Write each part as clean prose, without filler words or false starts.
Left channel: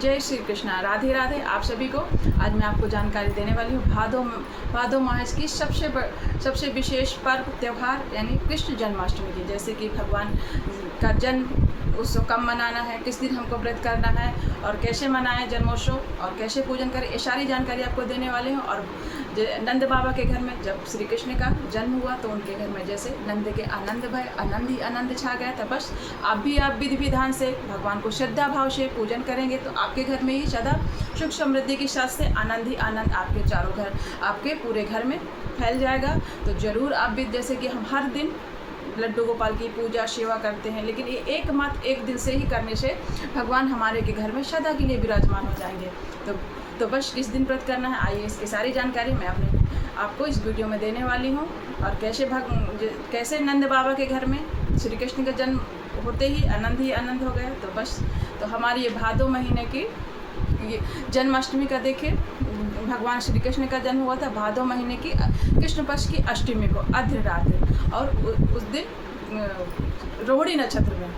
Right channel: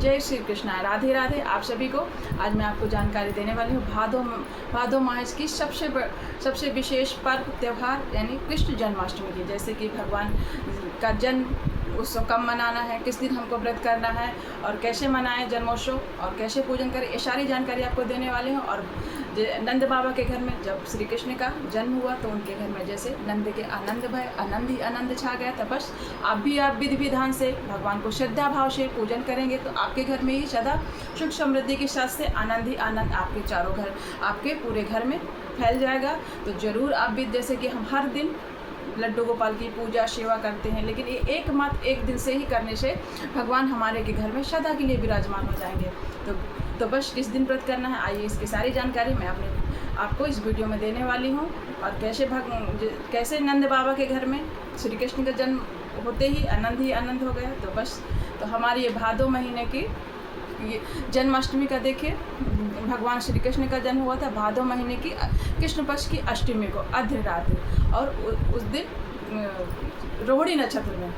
जय श्री कृष्णा, राधे राधे आप सभी को। आज मैं आपको जानकारी देने वाली हूँ भादो मास की सबसे विशेष पर्व त्यौहार यानी कृष्ण जन्माष्टमी की। जैसे कि भगवान का जन्म उत्सव कब मनाना है, किस दिन हमको व्रत करना है और कैसे मनाएं जन्मोत्सव और कैसे पूजन करें, ये सारी जानकारी आपको देने वाले हूँ। और नंद बाबा के घर में जब श्री कृष्ण का जन्म हुआ तो उनके घर में जैसे नंद के आनंद भय आनंद ही आनंद छा गया था। बस आप विधि विधान से भगवान को श्रद्धा भाव से पूजन करेंगे तो आपके घर में ही सदा सुख समृद्धि के साथ से आनंद ही आनंद आपके चारों घर आपके पूरे घर में फैल जाएगा। तो ज़रूर आप भी, जैसे कि हम हर दिन लड्डू गोपाल की पूजा सेवा करते हैं, लेकिन ये एक दिन से ही करने से भगवान हमारे के घर में सदा के लिए विराजमान हो जाएंगे। तो बस किस दिन व्रत करना है, आइए इसकी सारी जानकारी मैं आपको इस वीडियो में देने वाली हूँ। और कैसे नंद बाबा के घर में श्री कृष्ण का जन्म होते ही आनंद हो गया। तो हमारी ये भादो महीने की ये जन्माष्टमी का देखिए, भगवान श्री कृष्ण का जन्म हुआ था भादो महीने की कृष्ण पक्ष की अष्टमी को अर्ध रात्रि, और उस दिन रोहिणी नक्षत्र में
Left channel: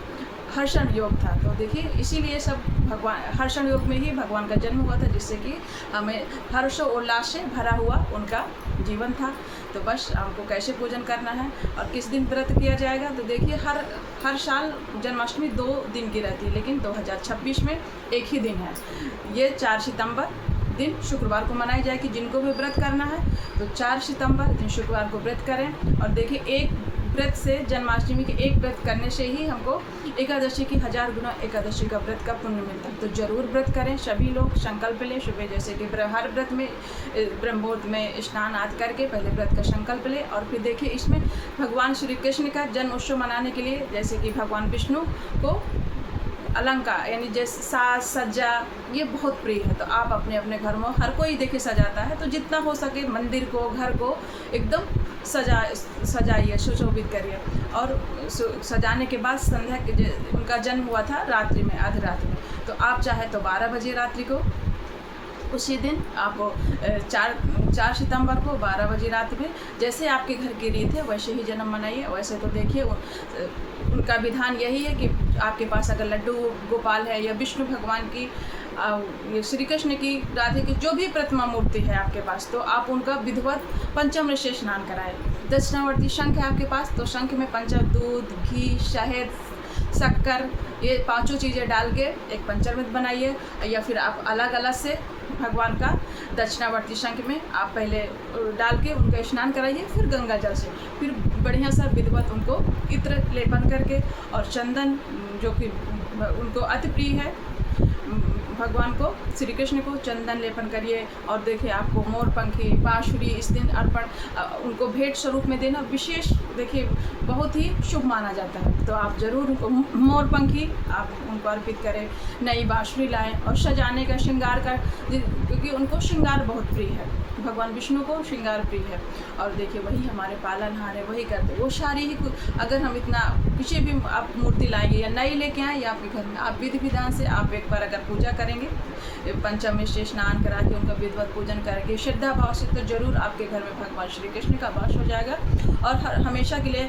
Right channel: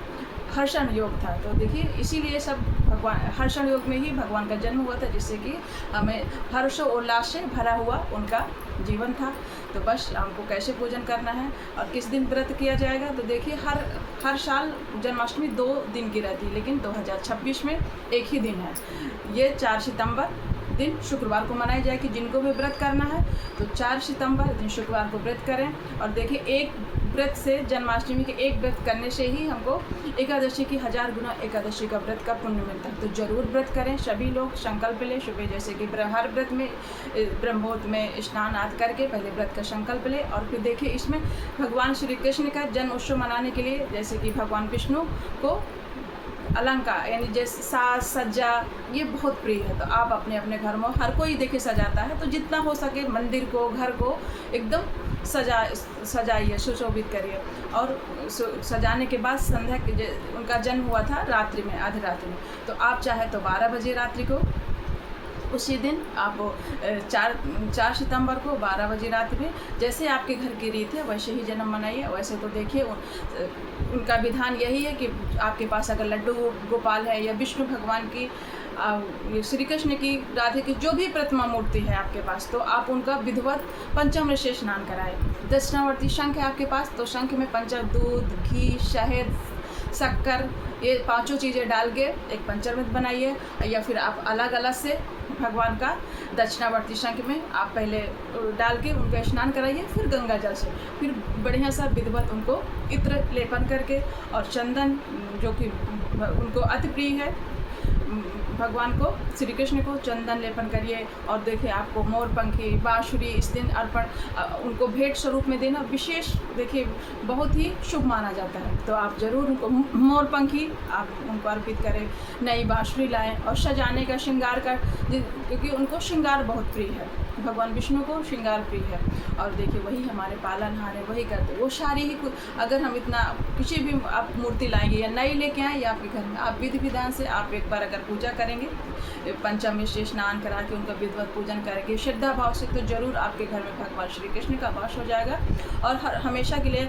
हर्षण योग था। तो देखिए इसीलिए सब भगवान हर्षण योग में ही भगवान का जन्म हुआ था, जिससे कि हमें हर्षो उल्लास से भरा हुआ उनका जीवन था। तो बस हमको कैसे पूजन करना है और किस दिन व्रत किया जाएगा। तो देखिए हर साल जन्माष्टमी 2 दिन की रहती है, लेकिन 2026 में एक ही दिन है। ये 4 सितंबर दिन शुक्रवार को मनाई जाएगी। जिनको भी व्रत करना है तो 4 सितंबर दिन शुक्रवार को व्रत करें। और देखिए एक व्रत से, जन्माष्टमी के एक व्रत करने से ही हमको एकादशी की 1000 गुना एकादशी का व्रत का पुण्य मिलता है। तो जरूर व्रत करें सभी लोग, संकल्प लें सुबह, जैसे कि हर व्रत में ब्रह्म मुहूर्त में स्नान आदि करके पहले व्रत का संकल्प लें। और फिर देखिए इसमें भगवान श्री कृष्ण का जन्म उत्सव मनाने के लिए, जैसे कि भगवान विष्णु को अलंकार यानी जैसे साज सज्जा ये बहुत प्रिय है। तो आप अपने अपने घर में, हर कोई देखिए सजाता है, तो जितना हो सके मंदिर को, घर को एकदम सजाइए, सुशोभित करिए। और सजाने के बाद संध्या के, उनका जन्म हुआ था रात्रि में, आधी रात्रि में, तो आप चाहे तो 12 बजे रात्रि को उसी दिन आप 4 सितंबर को 12 बजे रात में, जैसे आपके घर की रीत है वैसे ही जन्म मनाइए। वैसे तो देखिए उनका विधान यही है कि आपके पास अगर लड्डू गोपाल है या विष्णु भगवान की, श्री कृष्ण की, राधे की जो भी प्रतिमा मूर्ति है आपके पास, तो आप उनका विधिवत पंचामृत से स्नान कराएं। दक्षिणावर्ती शंख है आपके पास, तो शंख में दूध, घी, शहद, शक्कर, ये 5 चीज़ें डाल के एक पंचामृत बनाइए। या फिर आप अलग अलग से भगवान का दक्षिणावर्ती शंख में आप पहले डाल के उनका स्नान कराइए, फिर गंगा जल से, फिर बढ़िया सा विधिवत उनको इत्र लेपन करके, और चंदन जो कि उनको अति प्रिय है भगवान को, श्री कृष्ण को चंदन लेपन करिए। और देखिए आपको मोर पंखी, बाँसुरी इस दिन अर्पण उनको भेंट स्वरूप में देना विशेष, देखिए बहुत ही शुभ माना जाता है। तो आप ज़रूर उनको मोर पंखी आप उनको अर्पित करें, नई बाँसुरी लाएं और सजाने का, श्रृंगार का, क्योंकि उनको श्रृंगार बहुत प्रिय है, भगवान विष्णु को श्रृंगार प्रिय है। और देखिए वही हमारे पालनहार है, वही करते वो सारी ही। अगर हम इतना किसी भी आप मूर्ति लाएंगे या नई लेके आएँ या आपके घर में, आप विधि विधान से आप एक बार अगर पूजा करेंगे, पंचामृत से स्नान करा के उनका विधिवत पूजन करेंगे श्रद्धा भाव से, तो जरूर आपके घर में भगवान श्री कृष्ण का वास हो जाएगा। और हमेशा के लिए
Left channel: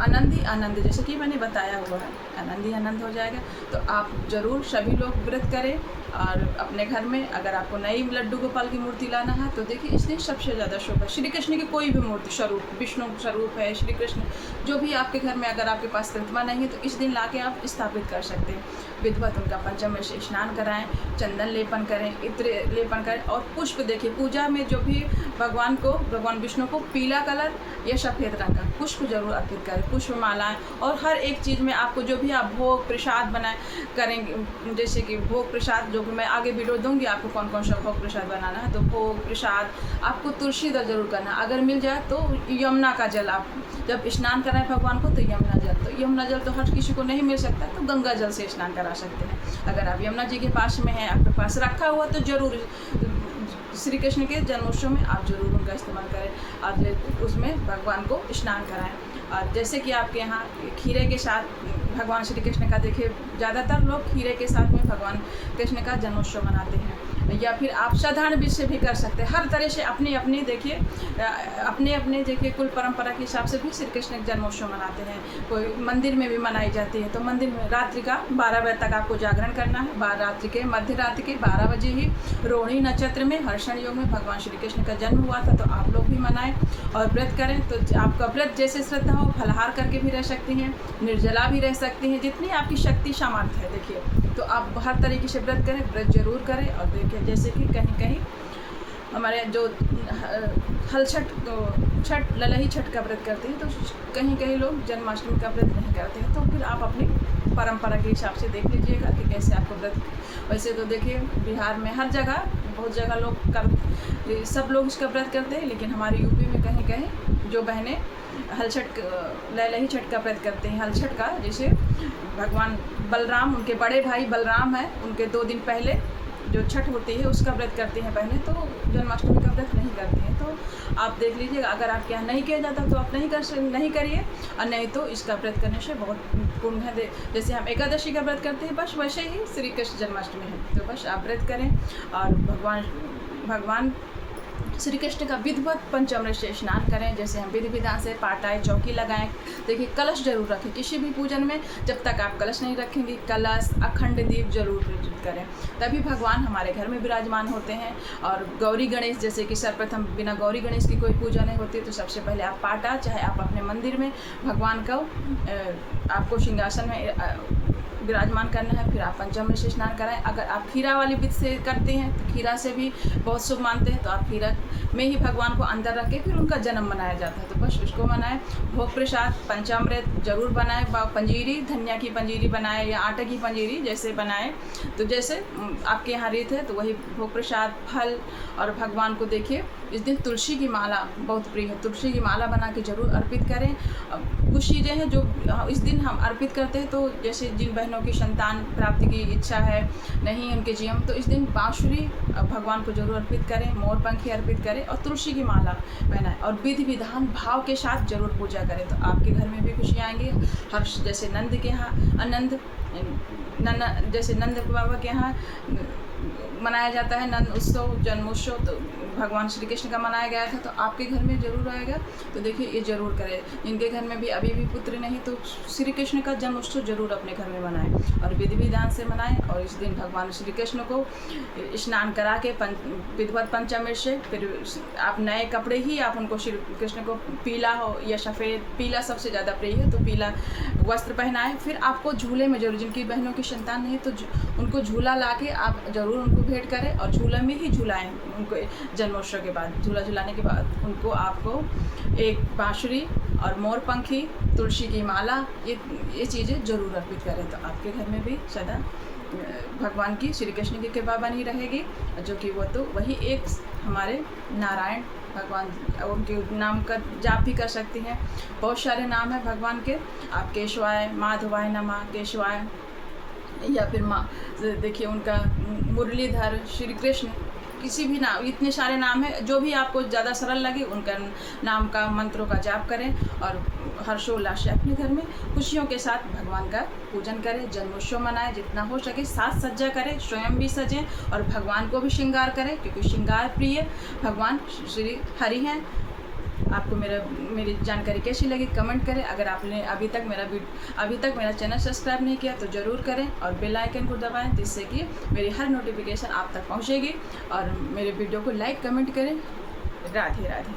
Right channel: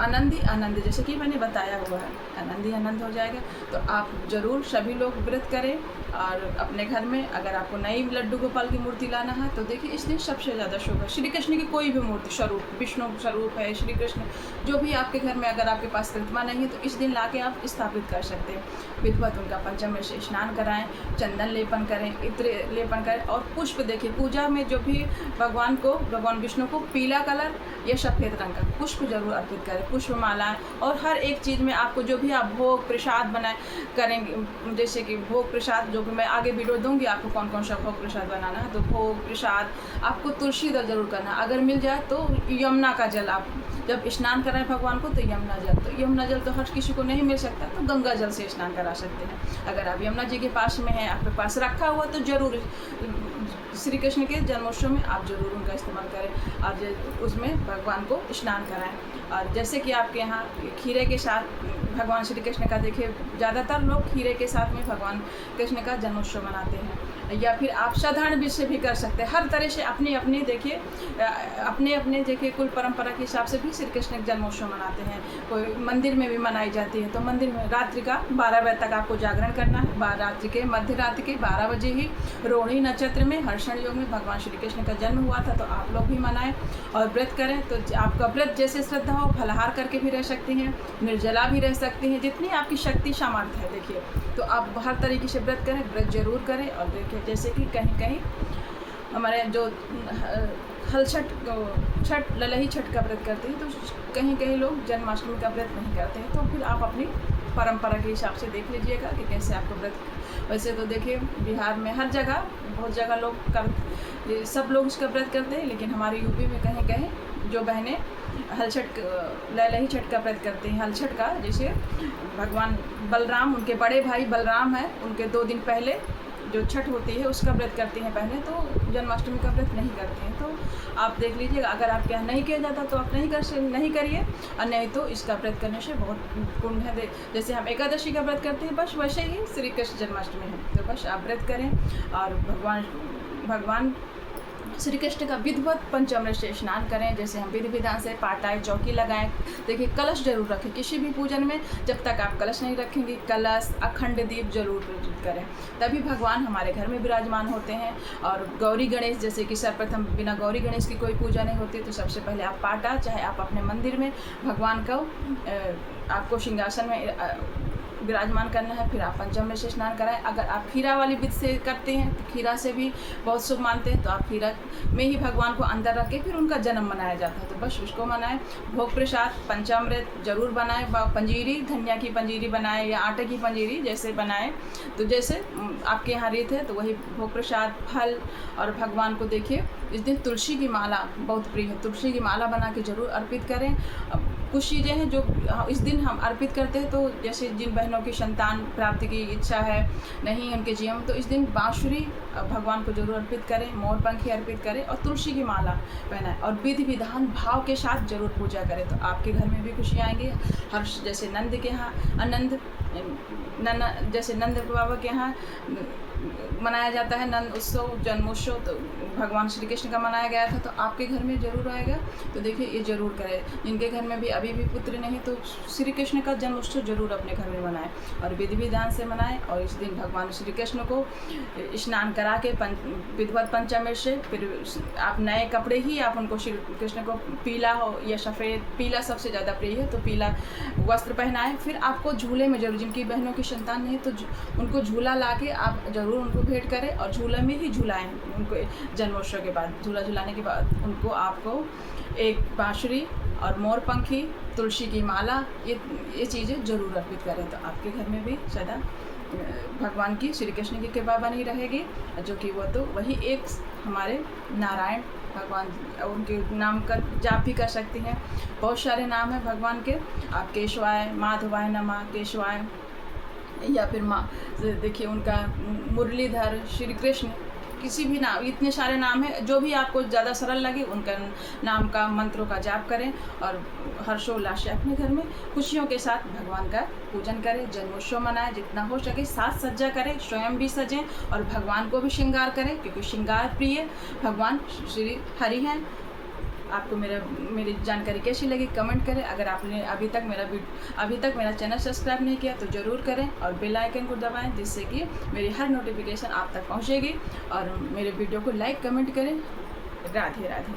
आनंद ही आनंद, जैसे कि मैंने बताया हुआ है, आनंद ही आनंद हो जाएगा। तो आप ज़रूर सभी लोग व्रत करें। और अपने घर में अगर आपको नई लड्डू गोपाल की मूर्ति लाना है तो देखिए इस दिन सबसे ज़्यादा शुभ है। श्री कृष्ण की कोई भी मूर्ति स्वरूप, विष्णु स्वरूप है, श्री कृष्ण जो भी आपके घर में, अगर आपके पास प्रतिमा नहीं है तो इस दिन लाके आप स्थापित कर सकते हैं। विधिवत उनका पंचामृत से स्नान कराएं, चंदन लेपन करें, इत्र लेपन करें। और पुष्प देखिए, पूजा में जो भी भगवान विष्णु को पीला कलर या सफ़ेद रंग का पुष्प जरूर अर्पित करें, पुष्प मालाएँ। और हर एक चीज़ में आपको जो भी आप भोग प्रसाद करेंगे, जैसे कि भोग प्रसाद, जो कि मैं आगे वीडियो दूंगी आपको कौन कौन सा भोग प्रसाद बनाना है। तो भोग प्रसाद आपको तुलसी दल जरूर करना है, अगर मिल जाए तो यमुना का जल, आप जब स्नान कराएं भगवान को तो यमुना जल तो हर किसी को नहीं मिल सकता, तो गंगा जल से स्नान करा सकते हैं। अगर आप यमुना जी के पास में हैं, आपके पास रखा हुआ, तो ज़रूर श्री कृष्ण के जन्मोत्सव में आप जरूर उनका इस्तेमाल करें और उसमें भगवान को स्नान कराएं। और जैसे कि आपके यहाँ खीरे के साथ भगवान श्री कृष्ण का, देखिए ज़्यादातर लोग खीरे के साथ में भगवान कृष्ण का जन्मोत्सव मनाते हैं। या फिर आप साधारण बीज से भी कर सकते हैं। हर तरह से अपनी अपनी देखिए देखिए कुल परंपरा के हिसाब से भी श्री कृष्ण का जन्मोत्सव मनाते हैं। कोई मंदिर में भी मनाई जाती है, तो मंदिर में रात्रि का 12 बजे तक आपको जागरण करना है। रात्रि के मध्य रात्रि के 12 बजे ही रोहिणी नक्षत्र में हर्षण योग में भगवान श्री कृष्ण का जन्म हुआ था, तो आप लोग भी मनाएं और व्रत करें। तो आपका व्रत जैसे श्रद्धा हो, फलाहार करके भी रह सकती हैं, निर्जला भी रह सकती हैं, जितनी आपकी शक्ति सामर्थ्य है देखिए। तो आप हर तरीके से व्रत करें, व्रत जरूर करें। और देखिए जैसे कि कहीं कहीं हमारे जो छठ ललही छठ का व्रत करते हैं, तो कहीं कहीं लोग जन्माष्टमी का व्रत नहीं करते हैं। तो फिर आप अपनी परंपरा के हिसाब से देख लीजिएगा कि कैसे आपको व्रत। वैसे तो देखिए बिहार में हर जगह बहुत जगह लोग सब लोग इसका व्रत करते हैं, लेकिन हमारे यूपी में कहीं कहीं जो बहनें ललही छठ का व्रत करते हैं, हलछठ का, जैसे भगवान बलराम, उनके बड़े भाई बलराम हैं, उनके 2 दिन पहले जो छठ होती है उसका व्रत करते हैं पहले, तो जन्माष्टमी का व्रत नहीं करते हैं। तो आप देख लीजिएगा, अगर आपके यहाँ नहीं किया जाता तो आप नहीं करिए, और नहीं तो इसका व्रत करने से बहुत पुण्य है। जैसे हम एकादशी का व्रत करते हैं, बस वैसे ही श्री कृष्ण जन्माष्टमी है। तो बस आप व्रत करें और भगवान श्री कृष्ण का विधिवत पंचामृत से स्नान करें। जैसे हम विधि विधान से पाटाएं, चौकी लगाएं। देखिए कलश जरूर रखें किसी भी पूजन में। जब तक आप कलश नहीं रखेंगे, कलश अखंड दीप जरूर प्रज्वलित करें, तभी भगवान हमारे घर में विराजमान होते हैं। और गौरी गणेश, जैसे कि सर्वप्रथम बिना गौरी गणेश की कोई पूजा नहीं होती, तो सबसे पहले आप पाटा, चाहे आप अपने मंदिर में भगवान को आपको सिंहासन में विराजमान करना है, फिर आप पंचामृत से स्नान कराएं। अगर आप खीरा वाली विधि से करते हैं तो खीरा से भी बहुत शुभ मानते हैं, तो आप खीरा में ही भगवान को अंदर रख के फिर उनका जन्म मनाया जाता है, तो बस उसको मनाएं। भोग प्रसाद पंचामृत जरूर बनाएं, पंजीरी, धनिया की पंजीरी बनाएं या आटे की पंजीरी जैसे बनाएं, तो जैसे आपके यहाँ रीत है तो वही भोग प्रसाद, फल। और भगवान को देखिए इस दिन तुलसी की माला बहुत प्रिय है, तुलसी की माला बना के जरूर अर्पित करें। कुछ चीज़ें हैं जो इस दिन हम अर्पित करते हैं, तो जैसे जिन बहनों की संतान प्राप्ति की इच्छा है, नहीं उनके जीवन, तो इस दिन बांसुरी भगवान को जरूर अर्पित करें, मोर पंखी अर्पित करें और तुलसी की माला पहनाएं और विधि विधान भाव के साथ जरूर पूजा करें, तो आपके घर में भी खुशियाँ आएंगी। हर्ष, जैसे नंद के यहाँ जैसे नंद बाबा के यहाँ मनाया जाता है नंद उत्सव, जन्मोत्सव, तो भगवान श्री कृष्ण का मनाया गया था, तो आपके घर में जरूर आएगा। तो देखिए ये जरूर करें। जिनके घर में भी अभी भी पुत्र नहीं, तो श्री कृष्ण का जन्मोत्सव जरूर अपने घर में मनाएं और विधि विधान से मनाएं। और इस दिन भगवान श्री कृष्ण को स्नान करा के विधिवत पंचामृत से, फिर आप नए कपड़े ही आप उनको, श्री कृष्ण को पीला हो या सफ़ेद, पीला सबसे ज़्यादा प्रिय है, तो पीला वस्त्र पहनाएं। फिर आपको झूले में जरूर, जिनकी बहनों की संतान नहीं तो उनको झूला ला के आप जरूर उनको भेंट करें और झूला में ही झुलाएं उनको। जन्मोत्सव के बाद झूला झुलाने के बाद उनको आपको एक बांसुरी और मोर पंखी, तुलसी की माला, ये चीज़ें जरूर अर्पित करें, तो आपके घर में भी सदा भगवान की, श्री कृष्ण की कृपा बनी रहेगी। जो कि वो तो वही एक हमारे नारायण भगवान, उनके नाम का जाप भी कर सकती हैं। बहुत सारे नाम हैं भगवान के, आप केशवाय, माधवाय नमः, केशवाय, या फिर देखिए उनका मुरलीधर, श्री कृष्ण, किसी भी नाम, इतने सारे नाम हैं, जो भी आपको ज़्यादा सरल लगे उनका नाम का, मंत्रों का जाप करें और हर्षोल्लास से अपने घर में खुशियों के साथ भगवान का पूजन करें, जन्मोत्सव मनाएं। जितना हो सके साज सज्जा करें, स्वयं भी सजें और भगवान को भी श्रृंगार करें, क्योंकि श्रृंगार प्रिय भगवान श्री हरि हैं। आपको मेरी जानकारी कैसी लगी कमेंट करें। अगर आपने अभी तक मेरा चैनल सब्सक्राइब नहीं किया तो ज़रूर करें और बेल आइकन को दबाएं, जिससे कि मेरी हर नोटिफिकेशन आप तक पहुंचेगी। और मेरे वीडियो को लाइक कमेंट करें। राधे राधे।